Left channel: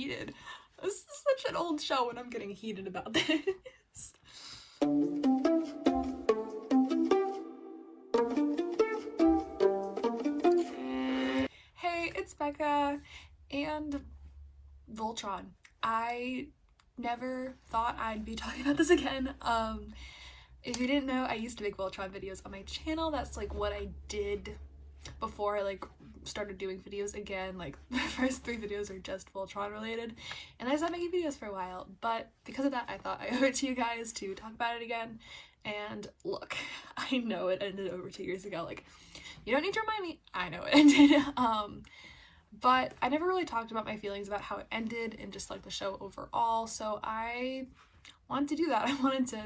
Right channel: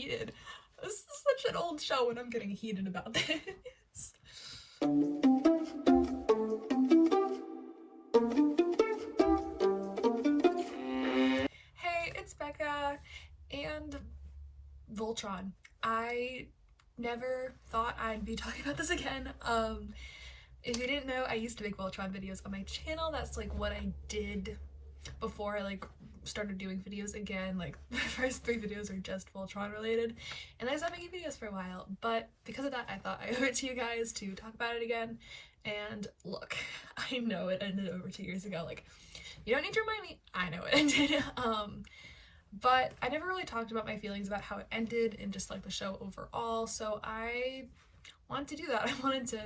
heated. This is such an old show when I'm getting heated about this. Hey, it's Becca and Voltron. I never thought I'd be talking about this again. If you didn't know, I used to make Voltron videos on my channel. That's like what I did before I like started doing videos again. Like my first 3 videos are just Voltron related, and I stopped making videos for a while, but because of that I thought I owe it to you guys to talk about it again. And look, I know it ended over 2 years ago. Like, you don't need to remind me, I know it ended. But I never really talked about my feelings about how it ended and just like the show overall, so I wanted to do that. I wanted to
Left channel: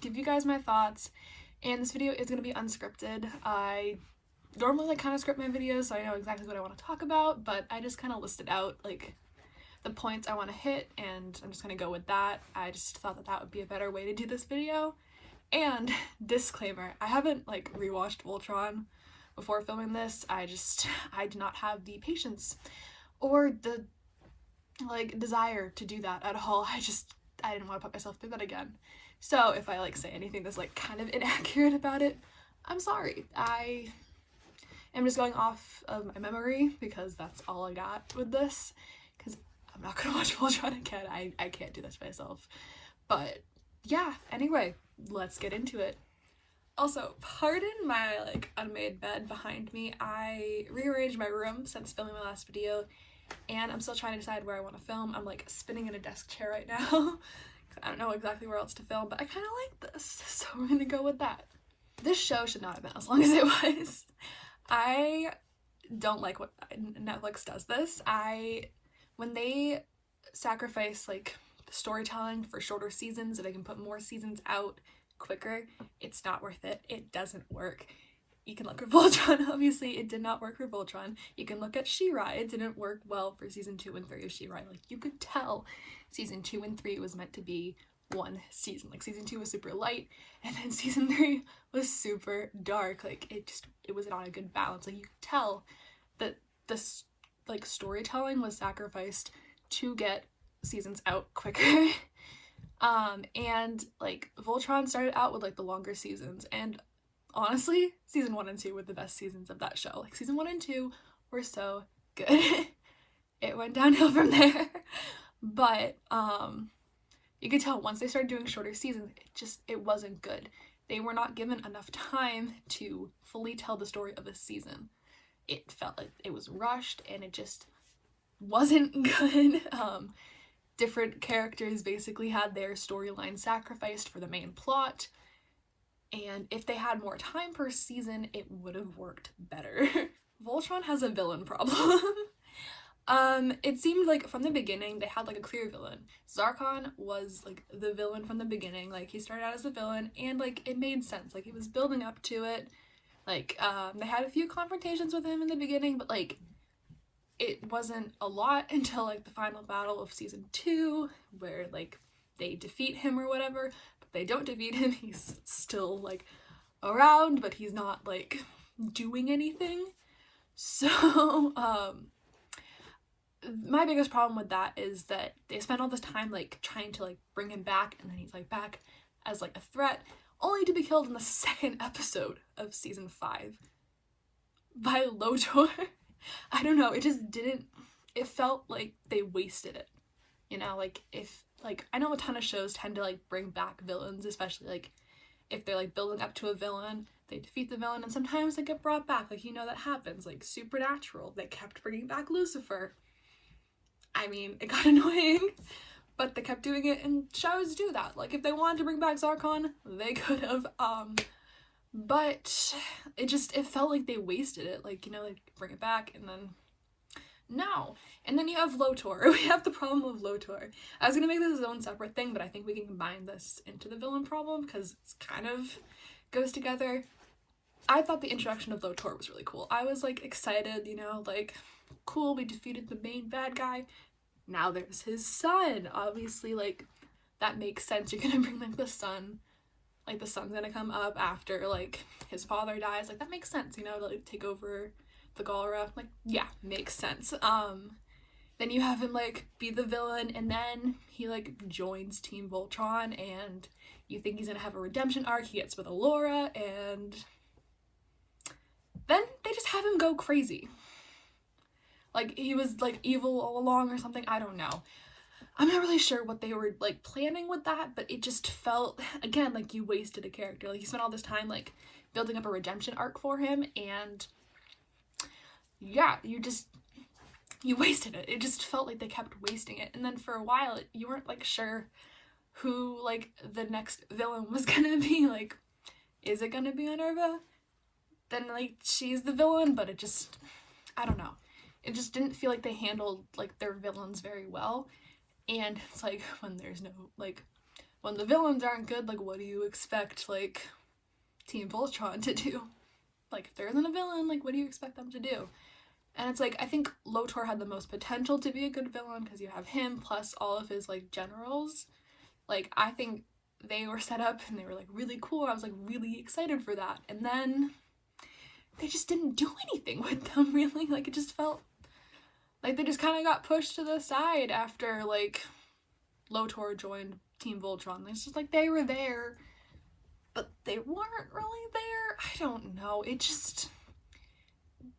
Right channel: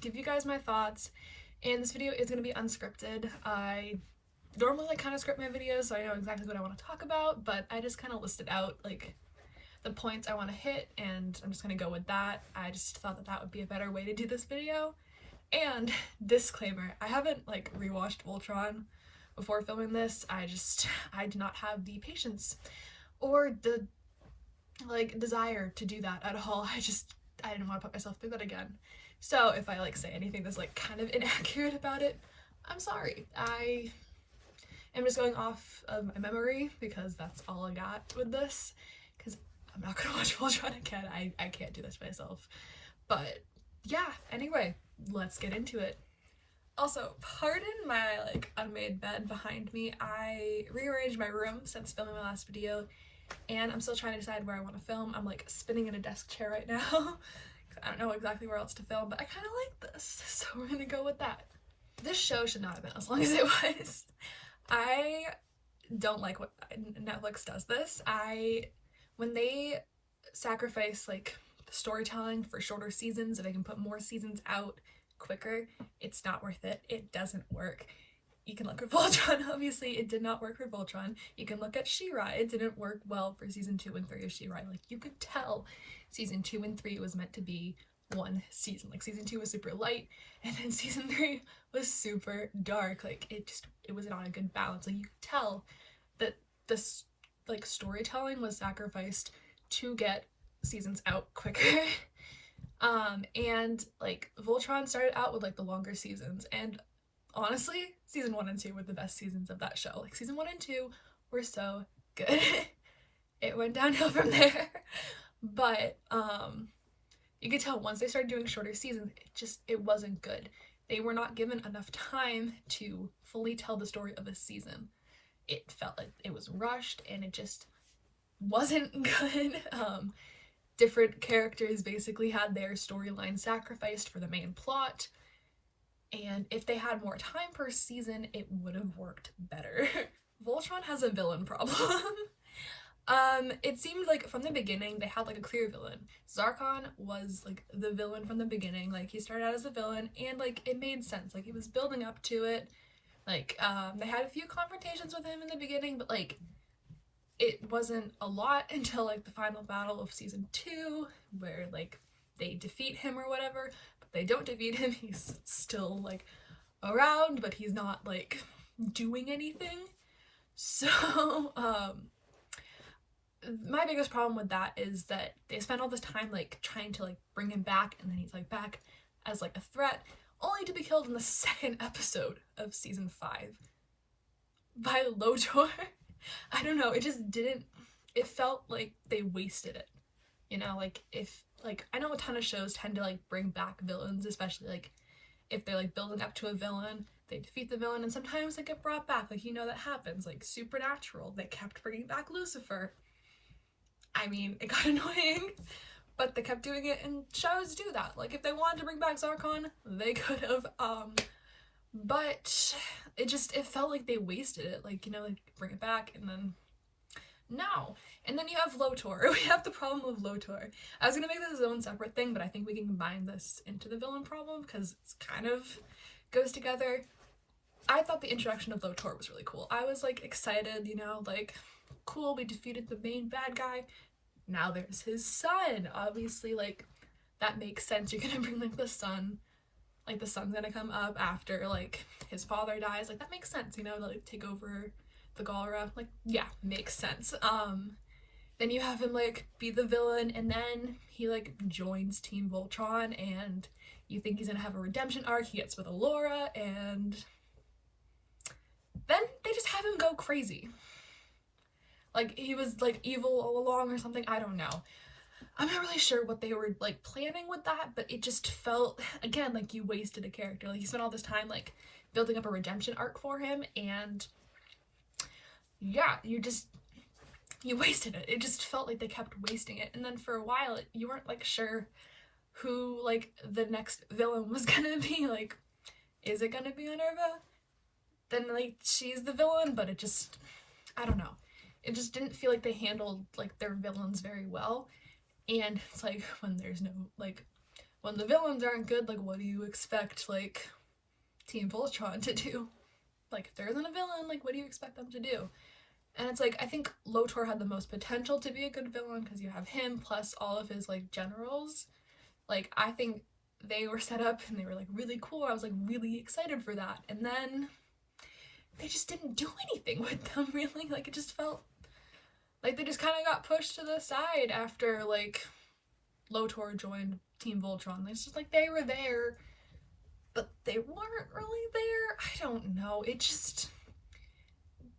give you guys my thoughts, and this video is going to be unscripted. I normally like kind of script my videos so I know exactly what I want to talk about, but I just kind of listed out like the points I want to hit and I'm just going to go with that. I just thought that that would be a better way to do this video. And disclaimer, I haven't like rewatched Voltron before filming this. I did not have the patience or the like desire to do that at all. I didn't want to put myself through that again. So if I like say anything that's like kind of inaccurate about it, I'm sorry. I'm just going off of my memory because that's all I got with this, because I'm not gonna watch Voltron again. I can't do this myself. But yeah, anyway, let's get into it. Also, pardon my like unmade bed behind me. I rearranged my room since filming my last video, and I'm still trying to decide where I want to film. I'm like spinning in a desk chair right now. I don't know exactly where else to film, but I kind of like this, so we're gonna go with that. This show should not have been as long as it was. I don't like what Netflix does this. When they sacrifice like storytelling for shorter seasons so they can put more seasons out quicker, it's not worth it. It doesn't work. You can look at Voltron, obviously it did not work for Voltron. You can look at She-Ra, it didn't work well for season 2 and 3 of She-Ra. Like, you could tell season 2 and 3 was meant to be one season. Like, season 2 was super light, and then season 3 was super dark. Like, it was not a good balance. Like, you could tell that this like storytelling was sacrificed to get seasons out quicker. And like Voltron started out with like the longer seasons, and honestly season 1 and 2 were the best seasons of that show. Like, season 1 and 2 were so good. It went downhill from there. But you could tell once they started doing shorter seasons, it wasn't good. They were not given enough time to fully tell the story of a season. It felt like it was rushed and it just wasn't good. Different characters basically had their storyline sacrificed for the main plot, and if they had more time per season, it would have worked better. Voltron has a villain problem. It seemed like from the beginning they had like a clear villain. Zarkon was like the villain from the beginning. Like, he started out as a villain and like it made sense. Like, he was building up to it. Like, they had a few confrontations with him in the beginning, but like it wasn't a lot until like the final battle of season 2, where like they defeat him or whatever, but they don't defeat him. He's still like around, but he's not like doing anything. So my biggest problem with that is that they spent all this time like trying to like bring him back, and then he's like back as like a threat, only to be killed in the 2nd episode of season 5 by Lotor. I don't know, it just didn't, it felt like they wasted it, you know? Like, I know a ton of shows tend to like bring back villains, especially like if they're like building up to a villain, they defeat the villain and sometimes they get brought back. Like, you know, that happens. Like Supernatural, they kept bringing back Lucifer. I mean, it got annoying, but they kept doing it, and shows do that. Like, if they wanted to bring back Zarkon, they could have, but it felt like they wasted it. Like, you know, like, bring it back, and then no. And then you have Lotor. We have the problem of Lotor. I was gonna make this its own separate thing, but I think we can combine this into the villain problem because it's kind of goes together. I thought the introduction of Lotor was really cool. I was like excited, you know, like, cool, we defeated the main bad guy. Now there's his son. Obviously, like, that makes sense. You're gonna bring like the son. Like, the son's gonna come up after like his father dies. Like, that makes sense, you know, to like take over the Galra. Like, yeah, makes sense. then you have him like be the villain, and then he like joins Team Voltron, and you think he's gonna have a redemption arc. He gets with Allura, and then they just have him go crazy. Like he was like evil all along or something. I don't know. I'm not really sure what they were like planning with that, but it just felt, again, like you wasted a character. Like you spent all this time like building up a redemption arc for him, and yeah, you wasted it. It just felt like they kept wasting it. And then for a while, you weren't like sure who like the next villain was gonna be. Like, is it gonna be Minerva? Then like she's the villain, but it just, I don't know. It just didn't feel like they handled like their villains very well. And it's like, when there's no, like, when the villains aren't good, like, what do you expect, like, Team Voltron to do? Like, if there isn't a villain, like, what do you expect them to do? And it's like, I think Lotor had the most potential to be a good villain, because you have him, plus all of his, like, generals. Like, I think they were set up, and they were, like, really cool. I was, like, really excited for that. And then they just didn't do anything with them, really. Like, it just felt like they just kind of got pushed to the side after, like, Lotor joined Team Voltron. It's just like they were there, but they weren't really there. I don't know.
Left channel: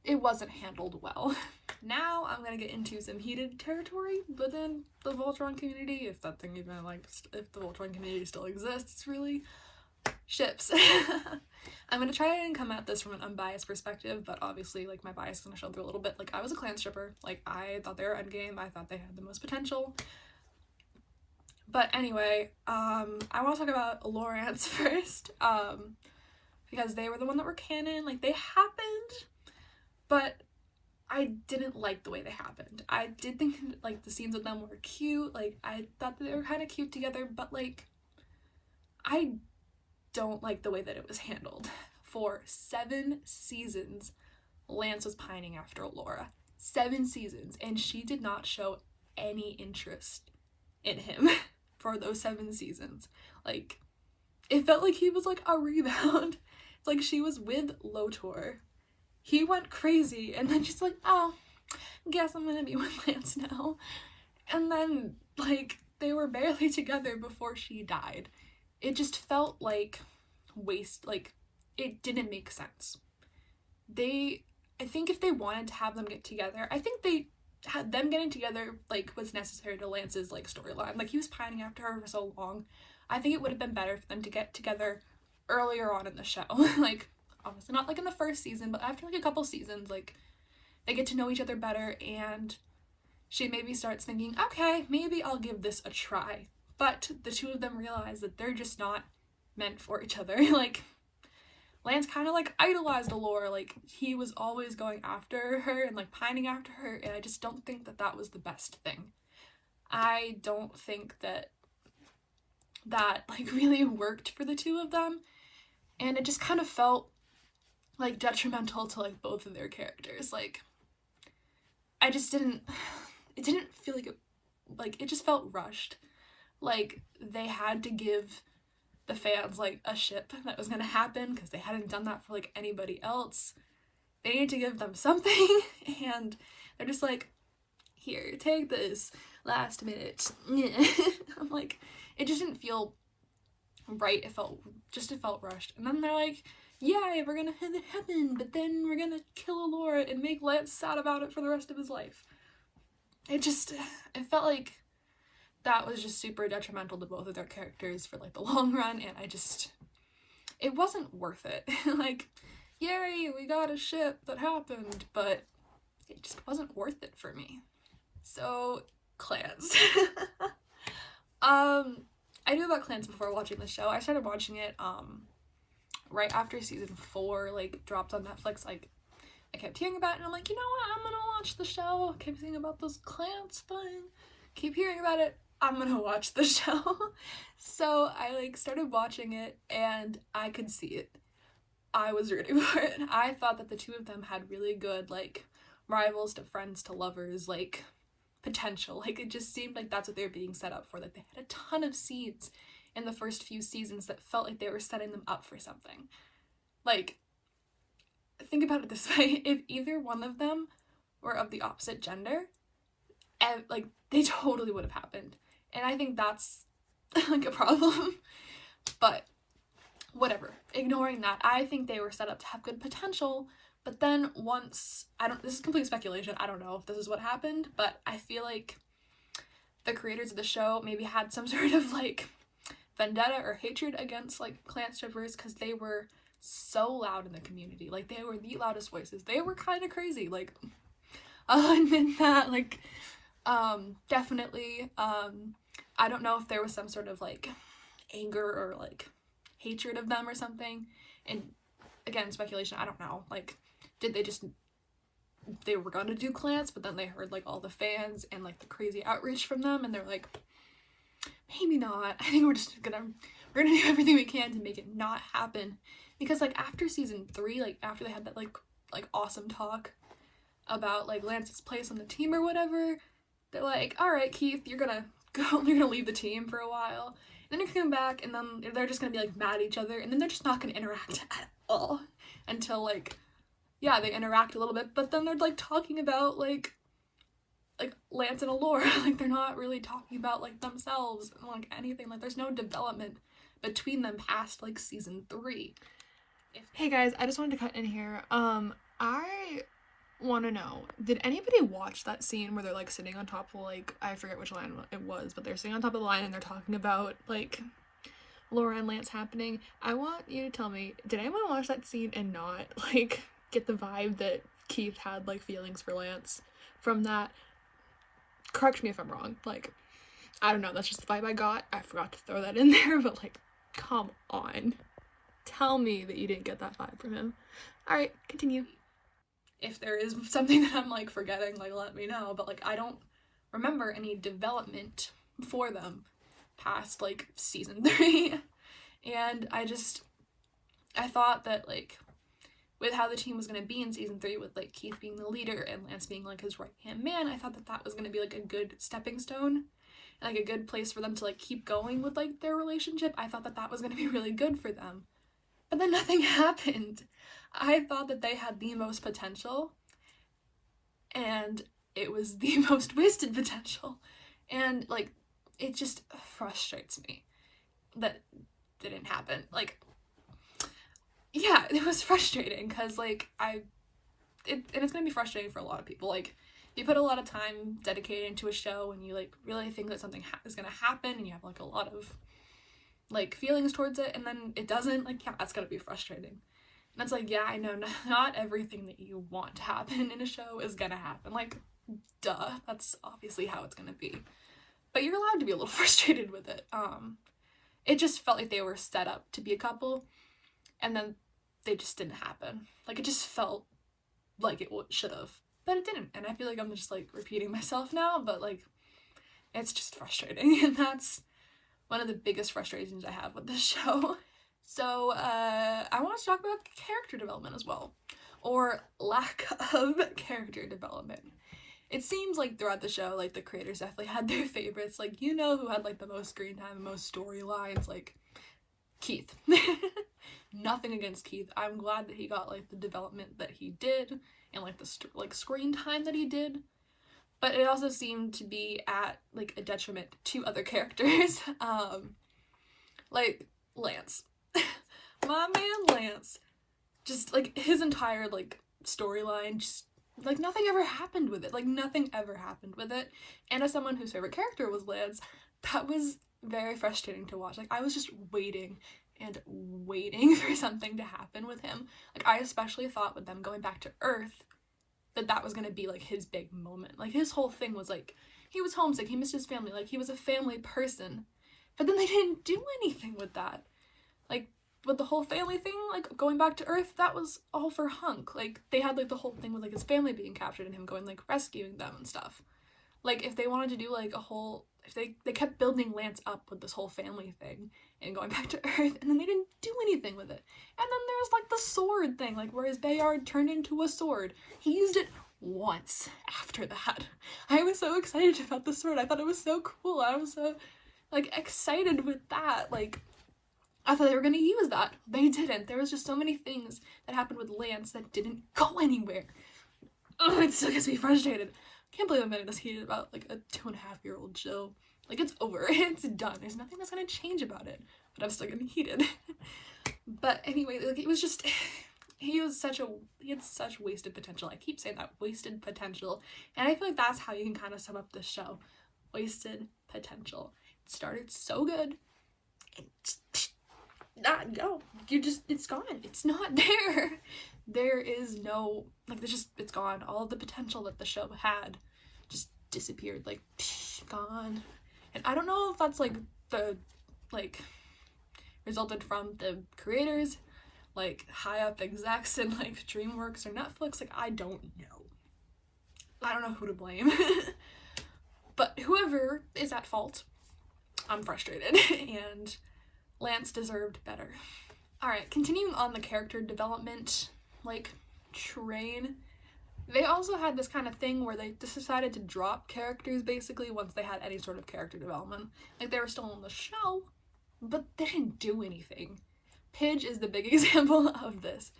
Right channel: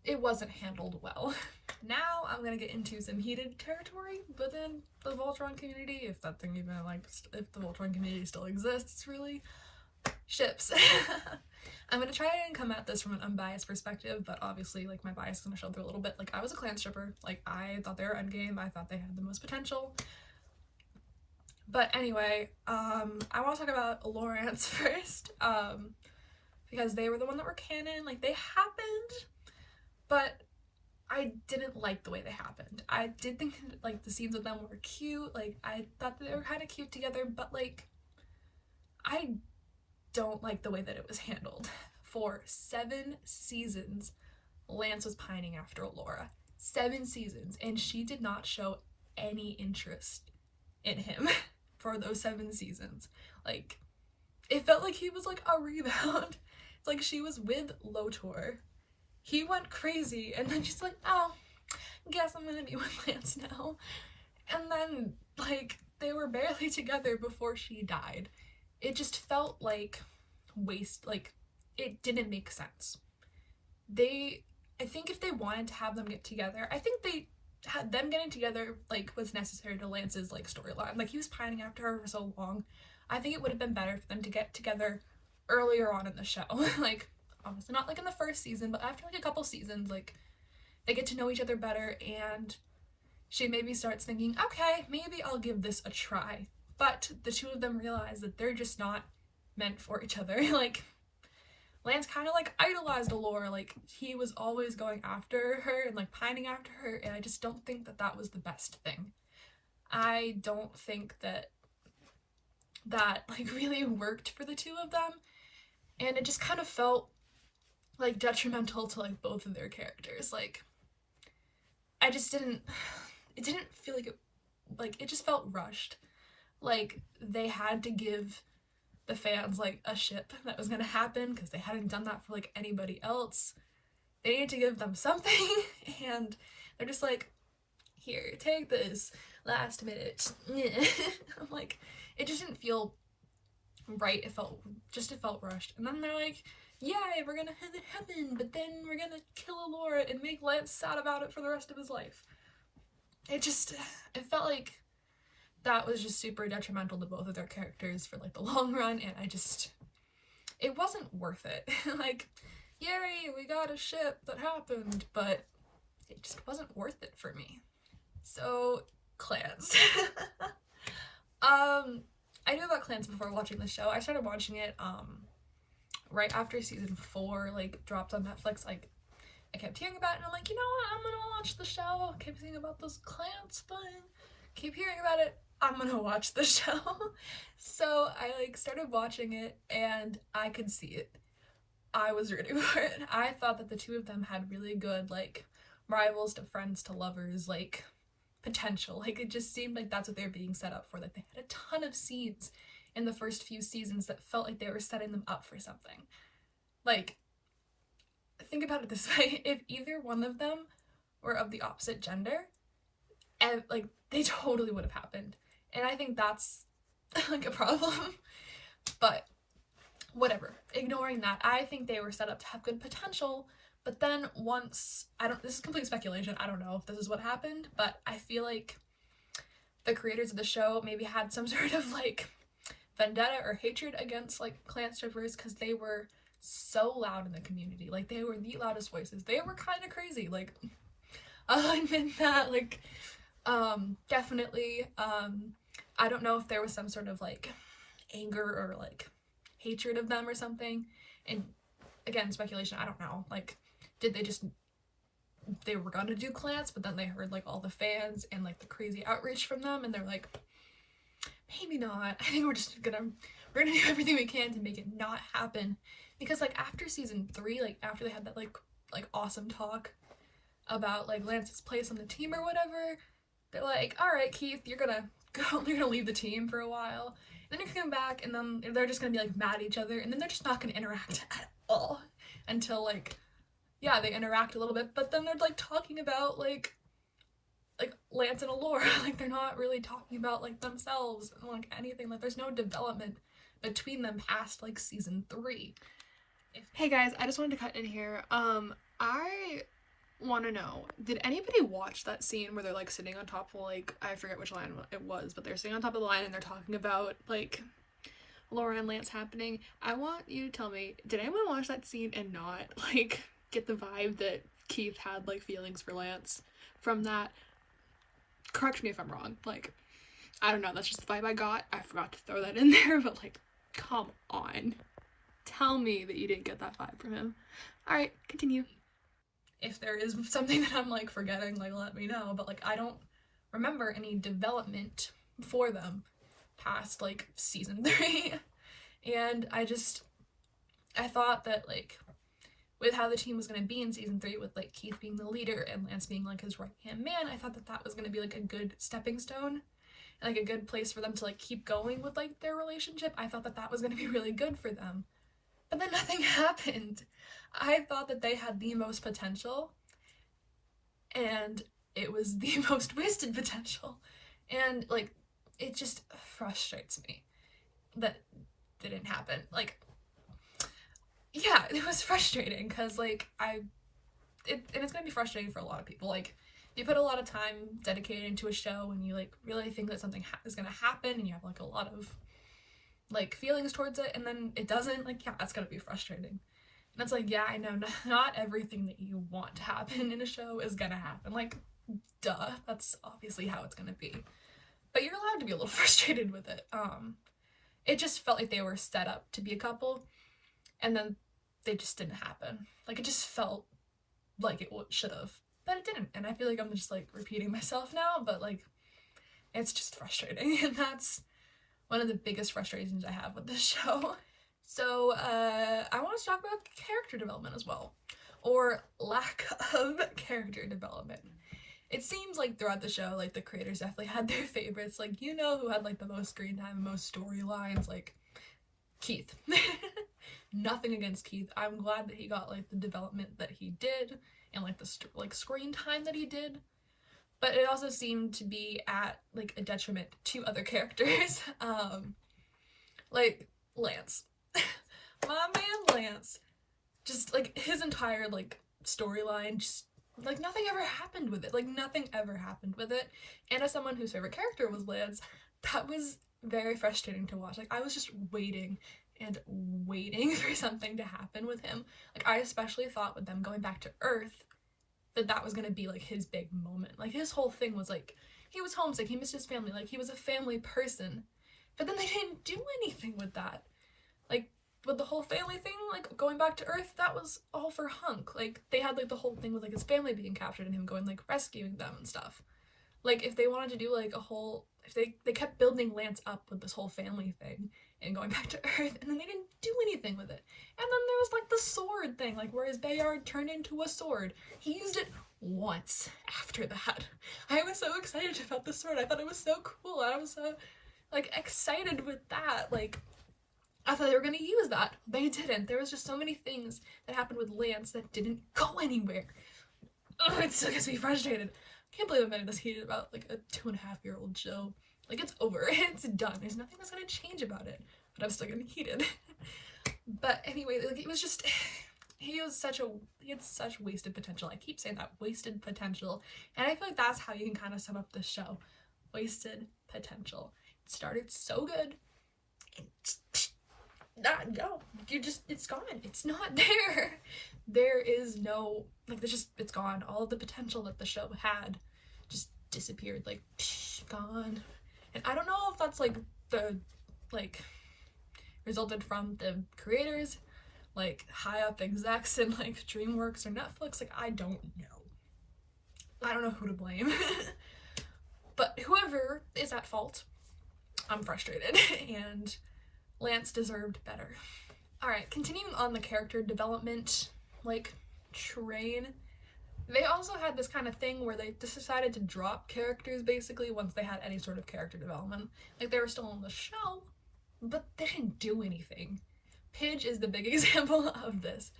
It wasn't handled well. Now I'm gonna get into some heated territory within the Voltron community, if that thing even, like, if the Voltron community still exists, really. Ships. I'm gonna try and come at this from an unbiased perspective, but obviously, like, my bias is gonna show through a little bit. Like, I was a klance shipper. Like, I thought they were endgame. I thought they had the most potential. But anyway, I want to talk about allurance first, because they were the one that were canon. Like, they happened, but I didn't like the way they happened. I did think, like, the scenes with them were cute. Like, I thought that they were kind of cute together, but, like, I don't like the way that it was handled. For 7 seasons, Lance was pining after Allura. 7 seasons, and she did not show any interest in him for those 7 seasons. Like, it felt like he was like a rebound. It's like she was with Lotor. He went crazy, and then she's like, oh, guess I'm gonna be with Lance now. And then, like, they were barely together before she died. It just felt like like, it didn't make sense. I think if they wanted to have them get together, I think they had them getting together, like, was necessary to Lance's, like, storyline. Like, he was pining after her for so long. I think it would have been better for them to get together earlier on in the show. Like, obviously not, like, in the first season, but after, like, a couple seasons, like, they get to know each other better, and she maybe starts thinking, okay, maybe I'll give this a try. But the two of them realize that they're just not meant for each other. Like, Lance kind of, like, idolized Allura. Like, he was always going after her and, like, pining after her, and I just don't think that that was the best thing. I don't think that like, really worked for the two of them, and it just kind of felt, like, detrimental to, like, both of their characters. Like, it didn't feel like it just felt rushed. Like, they had to give the fans, like, a ship that was gonna happen, because they hadn't done that for, like, anybody else. They needed to give them something, and they're just like, here, take this, last minute. I'm like, it just didn't feel right. It felt rushed. And then they're like, yay, we're gonna have it happen, but then we're gonna kill Allura and make Lance sad about it for the rest of his life. It felt like that was just super detrimental to both of their characters for, like, the long run, and it wasn't worth it. Like, yay, we got a ship that happened, but it just wasn't worth it for me. So, klance. I knew about klance before watching the show. I started watching it, right after season 4, like, dropped on Netflix. Like, I kept hearing about it, and I'm like, you know what, I'm gonna watch the show. I kept thinking about this klance thing. Keep hearing about it. I'm gonna watch the show. So I, like, started watching it, and I could see it. I was ready for it. I thought that the two of them had really good, like, rivals to friends to lovers, like, potential. Like, it just seemed like that's what they were being set up for. Like, they had a ton of scenes in the first few seasons that felt like they were setting them up for something. Like, think about it this way. If either one of them were of the opposite gender, and like they totally would have happened. And I think that's like a problem. But whatever. Ignoring that, I think they were set up to have good potential. But then once, this is complete speculation, I don't know if this is what happened, but I feel like the creators of the show maybe had some sort of like vendetta or hatred against like klance strippers because they were so loud in the community. Like they were the loudest voices. They were kind of crazy. Like I'll admit that. Like definitely I don't know if there was some sort of like anger or like hatred of them or something. And again, speculation, I don't know. Like did they were gonna do klance, but then they heard like all the fans and like the crazy outreach from them, and they're like, maybe not. I think we're gonna do everything we can to make it not happen. Because like after season 3, like after they had that like awesome talk about like Lance's place on the team or whatever, they're like, all right, Keith, you're gonna leave the team for a while, and then you come back, and then they're just gonna be like mad at each other, and then they're just not gonna interact at all until like, yeah, they interact a little bit, but then they're like talking about like Lance and Allure. Like they're not really talking about like themselves and like anything. Like there's no development between them past like season 3. Hey guys, I just wanted to cut in here. I want to know, did anybody watch that scene where they're like sitting on top of like, I forget which line it was, but they're sitting on top of the line and they're talking about like Laura and Lance happening? I want you to tell me, did anyone watch that scene and not like get the vibe that Keith had like feelings for Lance from that? Correct me if I'm wrong. Like, I don't know, that's just the vibe I got. I forgot to throw that in there, but like, come on. Tell me that you didn't get that vibe from him. Alright, continue. If there is something that I'm like forgetting, like let me know, but like I don't remember any development for them past like season 3. And I thought that like with how the team was going to be in season 3 with like Keith being the leader and Lance being like his right-hand man, I thought that that was going to be like a good stepping stone and like a good place for them to like keep going with like their relationship. I thought that that was going to be really good for them. But then nothing happened. I thought that they had the most potential, and it was the most wasted potential. And like it just frustrates me that didn't happen. Like, yeah, it was frustrating because like and it's gonna be frustrating for a lot of people. Like you put a lot of time dedicated into a show and you like really think that something is gonna happen and you have like a lot of like feelings towards it, and then it doesn't. Like, yeah, that's gonna be frustrating. And it's like, yeah, I know not everything that you want to happen in a show is gonna happen. Like, duh, that's obviously how it's gonna be. But you're allowed to be a little frustrated with it. It just felt like they were set up to be a couple, and then they just didn't happen. Like, it just felt like it should have, but it didn't. And I feel like I'm just like repeating myself now, but like it's just frustrating. And that's one of the biggest frustrations I have with this show. So I want to talk about character development as well, or lack of character development. It seems like throughout the show, like the creators definitely had their favorites. Like, you know who had like the most screen time, the most storylines? Like Keith. Nothing against Keith. I'm glad that he got like the development that he did and like the screen time that he did. But it also seemed to be at like a detriment to other characters. Like Lance. My man Lance. Just like his entire like storyline, just like nothing ever happened with it. Like nothing ever happened with it. And as someone whose favorite character was Lance, that was very frustrating to watch. Like I was just waiting and waiting for something to happen with him. Like I especially thought with them going back to Earth that was gonna be like his big moment. Like his whole thing was like he was homesick, he missed his family, like he was a family person. But then they didn't do anything with that. Like with the whole family thing, like going back to Earth, that was all for Hunk. Like they had like the whole thing with like his family being captured and him going like rescuing them and stuff. Like if they wanted to do like a whole, if they kept building Lance up with this whole family thing and going back to Earth, and then they didn't do anything with it. And then there was like the sword thing, like where his Bayard turned into a sword. He used it once after that. I was so excited about the sword. I thought it was so cool. I was so like excited with that. Like I thought they were gonna use that. They didn't. There was just so many things that happened with Lance that didn't go anywhere. Oh, it still gets me frustrated. can't believe I'm getting this heated about like a 2.5-year-old show. Like, it's over. It's done. There's nothing that's gonna change about it. But I'm still getting heated. But anyway, like, it was just, he had such wasted potential. I keep saying that, wasted potential. And I feel like that's how you can kind of sum up this show. Wasted potential. It started so good. It's gone. It's not there. There is no, like, it's gone. All of the potential that the show had just disappeared, like, gone. And I don't know if that's, like, resulted from the creators, like, high up execs in, like, DreamWorks or Netflix. Like, I don't know who to blame. But whoever is at fault, I'm frustrated, and Lance deserved better. Alright, continuing on the character development, like, train, they also had this kind of thing where they just decided to drop characters, basically, once they had any sort of character development. Like, they were still on the show, but they didn't do anything. Pidge is the big example of this.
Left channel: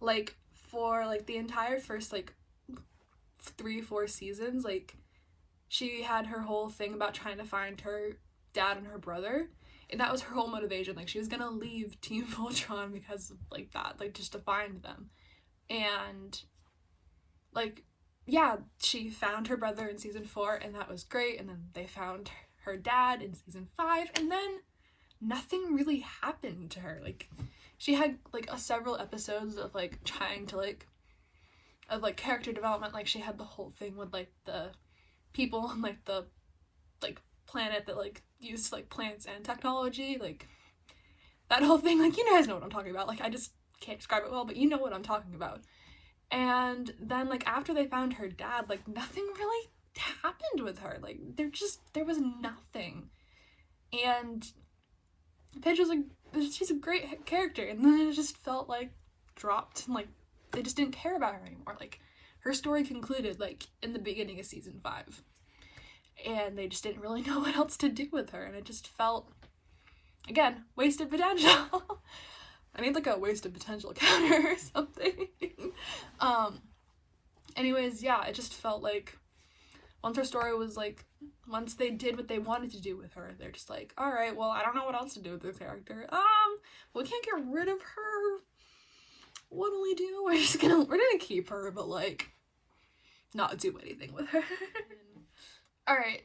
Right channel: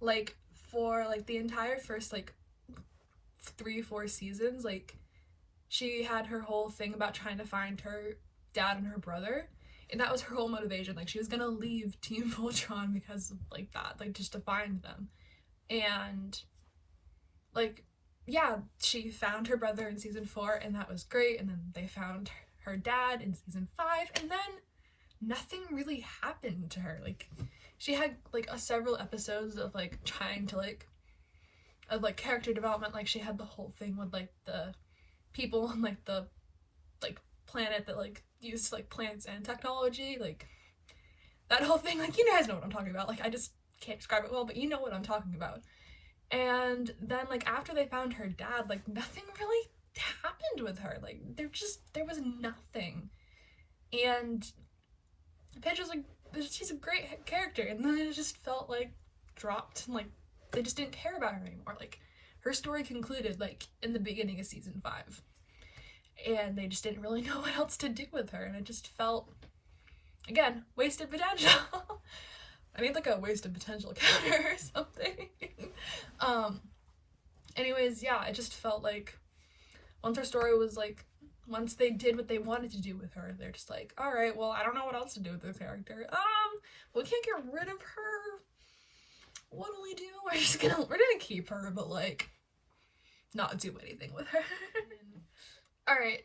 Like, for, like, the entire first, like, 3-4 seasons, like, she had her whole thing about trying to find her dad and her brother, and that was her whole motivation. Like, she was gonna leave Team Voltron because of, like, that, like, just to find them. And, like, yeah, she found her brother in season 4, and that was great, and then they found her dad in season 5, and then nothing really happened to her. Like, she had, like, several episodes of, like, trying to, like, character development. Like, she had the whole thing with, like, the people on, like, the, like, planet that, like, used, like, plants and technology, like, that whole thing. Like, you guys know what I'm talking about. Like, I just can't describe it well, but you know what I'm talking about. And then, like, after they found her dad, like, nothing really happened with her. Like, there was nothing. And Pidge was, like, she's a great character, and then it just felt, like, dropped, and, like, they just didn't care about her anymore. Like, her story concluded, like, in the beginning of season 5. And they just didn't really know what else to do with her, and it just felt, again, wasted potential. I need, like, a wasted potential counter or something. Anyways, yeah, it just felt like once her story was, like, once they did what they wanted to do with her, they're just like, alright, well, I don't know what else to do with this character. We can't get rid of her. What do we do? We're gonna keep her, but, like, not do anything with her. Alright,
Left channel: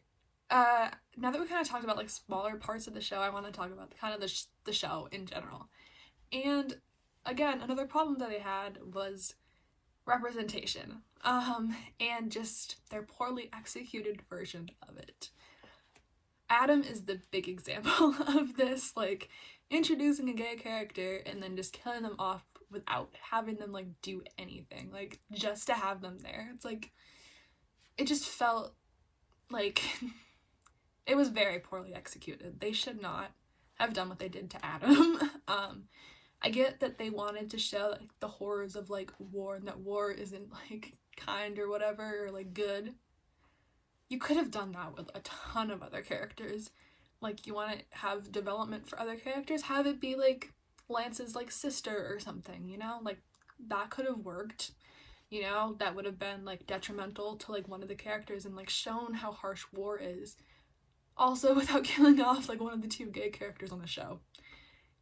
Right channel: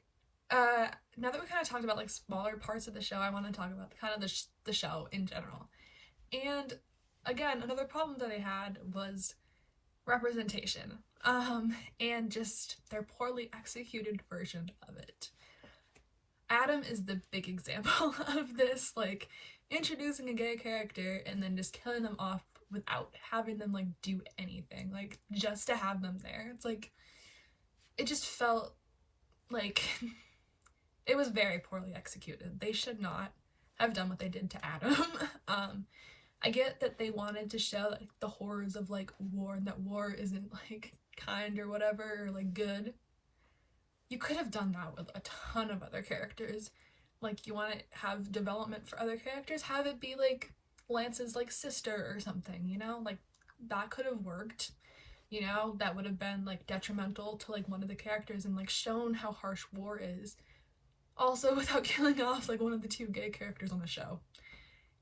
now that we kind of talked about, like, smaller parts of the show, I want to talk about kind of the show in general. And, again, another problem that they had was representation, and just their poorly executed version of it. Adam is the big example of this, like, introducing a gay character and then just killing them off without having them, like, do anything, like, just to have them there. It's like, it just felt like it was very poorly executed. They should not have done what they did to Adam. I get that they wanted to show, like, the horrors of, like, war, and that war isn't, like, kind or whatever, or, like, good. You could have done that with a ton of other characters. Like, you want to have development for other characters, have it be, like, Lance's, like, sister or something, you know? Like, that could have worked, you know? That would have been, like, detrimental to, like, one of the characters and, like, shown how harsh war is. Also, without killing off, like, one of the 2 gay characters on the show.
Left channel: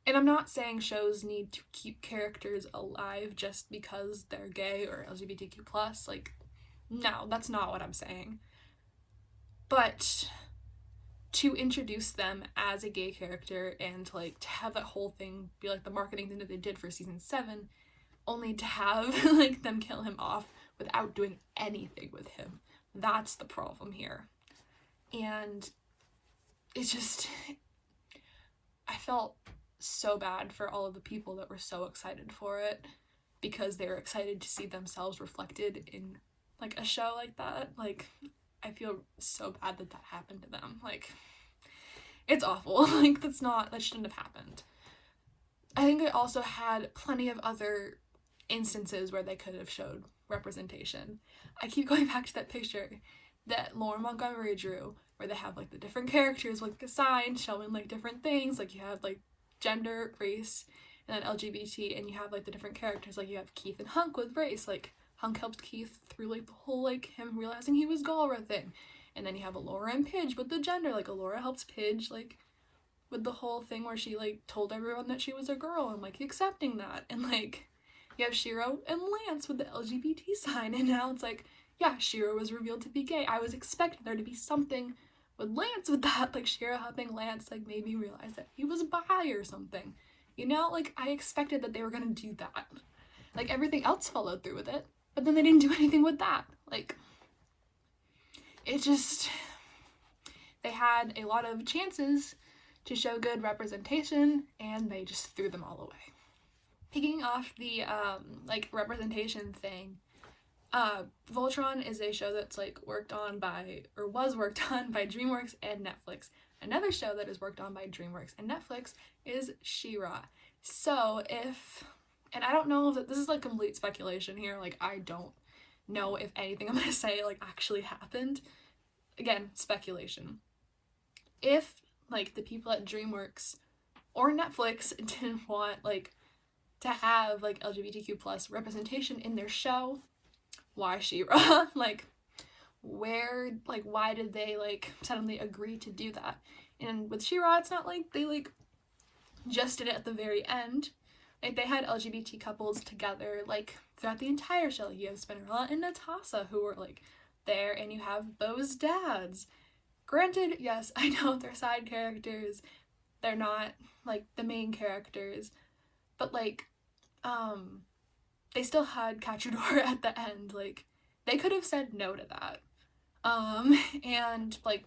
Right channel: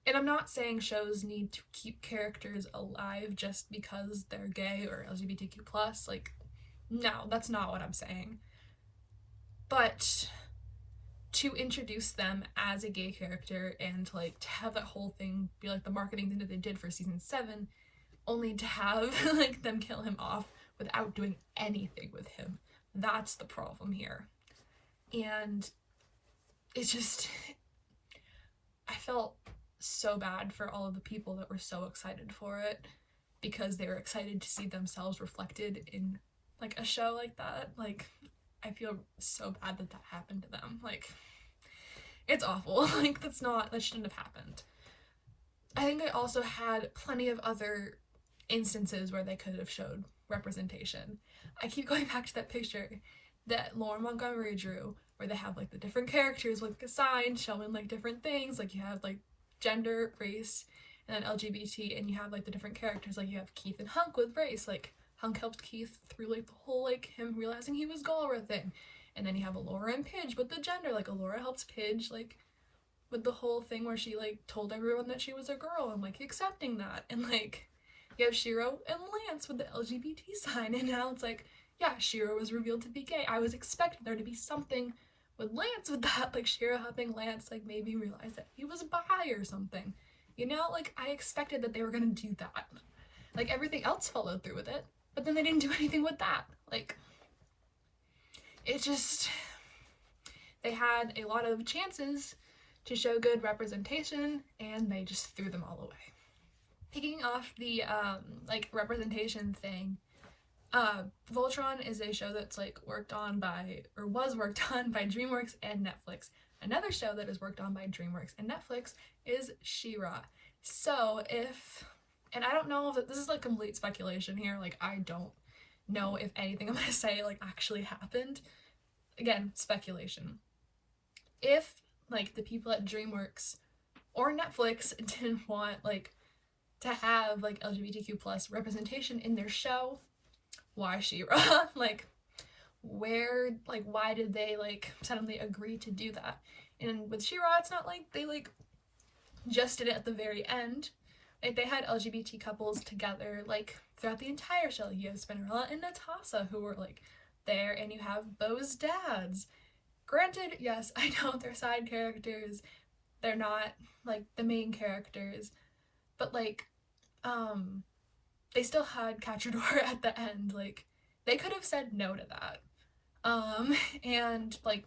And I'm not saying shows need to keep characters alive just because they're gay or LGBTQ+. Like, no, that's not what I'm saying. But to introduce them as a gay character and, like, to have that whole thing be, like, the marketing thing that they did for season 7, only to have, like, them kill him off without doing anything with him. That's the problem here. And it's just, I felt so bad for all of the people that were so excited for it because they were excited to see themselves reflected in, like, a show like that. Like, I feel so bad that happened to them. Like, it's awful. Like, that shouldn't have happened. I think they also had plenty of other instances where they could have showed representation. I keep going back to that picture that Lauren Montgomery drew where they have, like, the different characters, like, assigned, showing, like, different things. Like, you have, like, gender, race, and then LGBT, and you have, like, the different characters. Like, you have Keith and Hunk with race. Like, Hunk helped Keith through like the whole like him realizing he was Galra thing. And then you have Allura and Pidge with the gender, like Allura helps Pidge like with the whole thing where she like told everyone that she was a girl and like accepting that. And like you have Shiro and Lance with the LGBT sign, and now it's like, yeah, Shiro was revealed to be gay. I was expecting there to be something with Lance with that, like Shiro helping Lance like maybe realize that he was bi or something. You know, like I expected that they were gonna do that. Like everything else followed through with it, but then they didn't do anything with that. Like it just, they had a lot of chances to show good representation and they just threw them all away. Picking off the like representation thing, Voltron is a show that's like worked on by, or was worked on by DreamWorks and Netflix. Another show that is worked on by DreamWorks and Netflix is She-Ra. So if, and I don't know if this is like complete speculation here, like I don't know if anything I'm gonna say like actually happened. Again, speculation. If like the people at DreamWorks or Netflix didn't want like to have like LGBTQ plus representation in their show, why She-Ra? Like where, like why did they like suddenly agree to do that? And with She-Ra, it's not like they like just did it at the very end. Like they had LGBT couples together like throughout the entire show. Like, you have Spinnerella and Natasha who were like there, and you have Bo's dads. Granted, yes, I know they're side characters, they're not like the main characters, but like they still had Cachador at the end. Like they could have said no to that. And like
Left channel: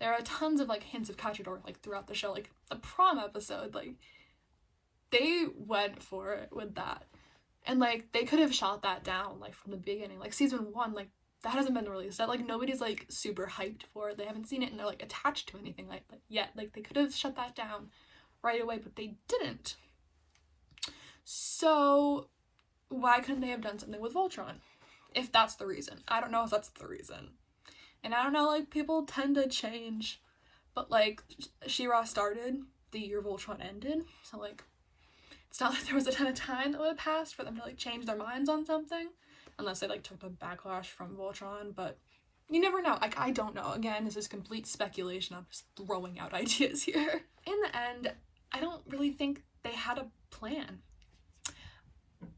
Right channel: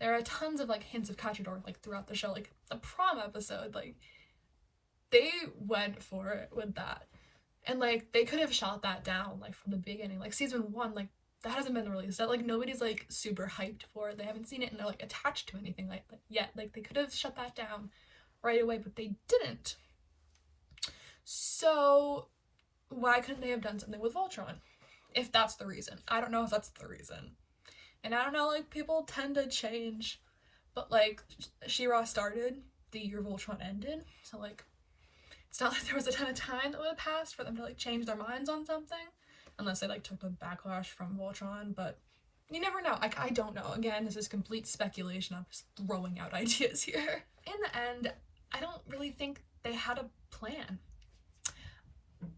there are tons of like hints of Cachador like throughout the show. Like the prom episode, like they went for it with that, and like they could have shot that down like from the beginning. Like season 1, like that hasn't been released, that like nobody's like super hyped for it. They haven't seen it and they're like attached to anything like that yet. Like they could have shut that down right away, but they didn't. So why couldn't they have done something with Voltron if that's the reason? I don't know if that's the reason, and I don't know, like people tend to change, but like She-Ra started the year Voltron ended, so like it's not like there was a ton of time that would have passed for them to like change their minds on something, unless they like took the backlash from Voltron. But you never know. Like I don't know. Again, this is complete speculation. I'm just throwing out ideas here. In the end, I don't really think they had a plan,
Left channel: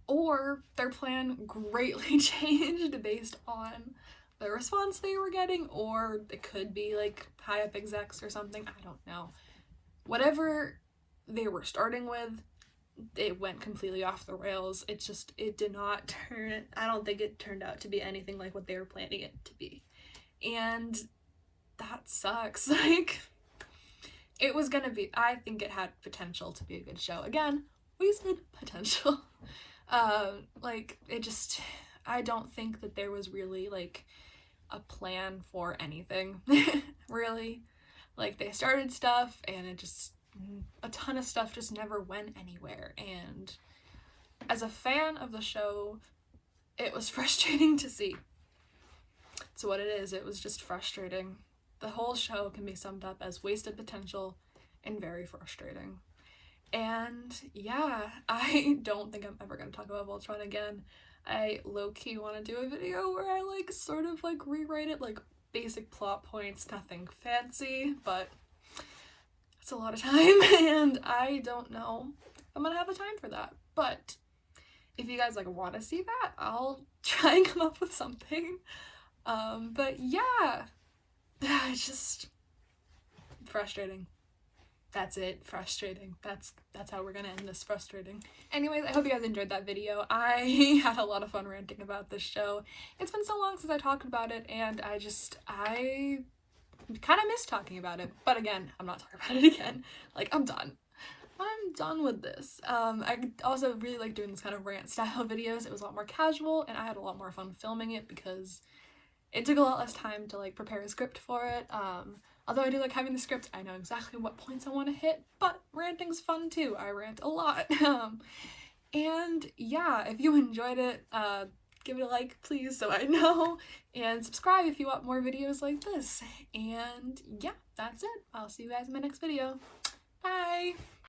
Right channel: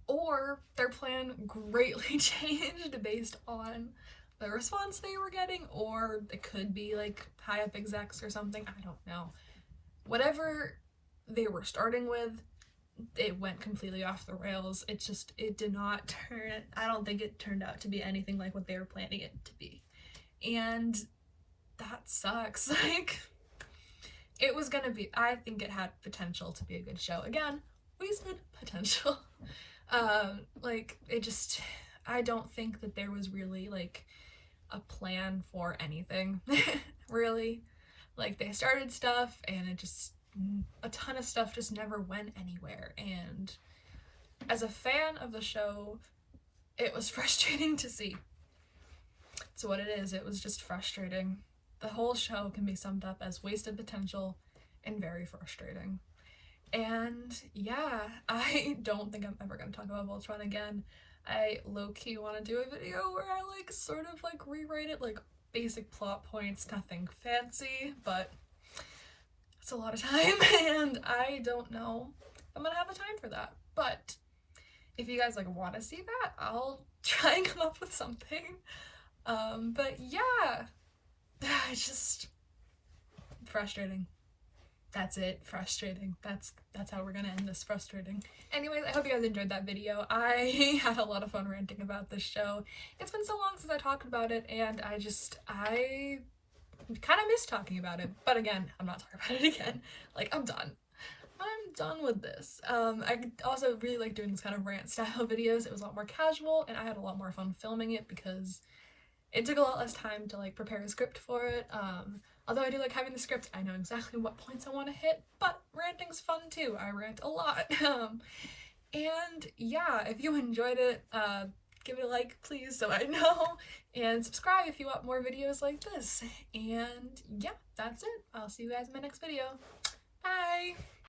or their plan greatly changed based on the response they were getting, or it could be like high up execs or something. I don't know. Whatever they were starting with, it went completely off the rails. It did not turn, I don't think it turned out to be anything like what they were planning it to be. And that sucks. Like, it was gonna be, I think it had potential to be a good show. Again, we said potential. Like, it just, I don't think that there was really, like, a plan for anything, really. Like, they started stuff, and it just, a ton of stuff just never went anywhere. And as a fan of the show, it was frustrating to see. It's what it is. It was just frustrating. The whole show can be summed up as wasted potential and very frustrating. And yeah, I don't think I'm ever going to talk about Voltron again. I low-key want to do a video where I like sort of like rewrite it, like basic plot points, nothing fancy, but it's a lot of time and I don't know if I'm gonna have the time for that. But if you guys like want to see that, I'll try and come up with something. But yeah, it's just frustrating. That's it. Frustrating. That's how we're gonna end this. Frustrating. Anyways, I hope you guys enjoyed that video. I had a lot of fun ranting about this show. It's been so long since I talked about it, and I kind of miss talking about it. But again, I'm not talking about it again. Like, I'm done. I'm done with this. I also really like doing this kind of rant style videos. It was a lot more casual, and I had a lot more fun filming it because it took a lot less time to like prepare a script for it. Although I do like having the script, I know exactly what points I want to hit, but ranting's fun too. I rant a lot. And yeah, if you enjoyed it, give it a like, please, so I know, and subscribe if you want more videos like this. And yeah, that's it. I'll see you guys in my next video. Bye!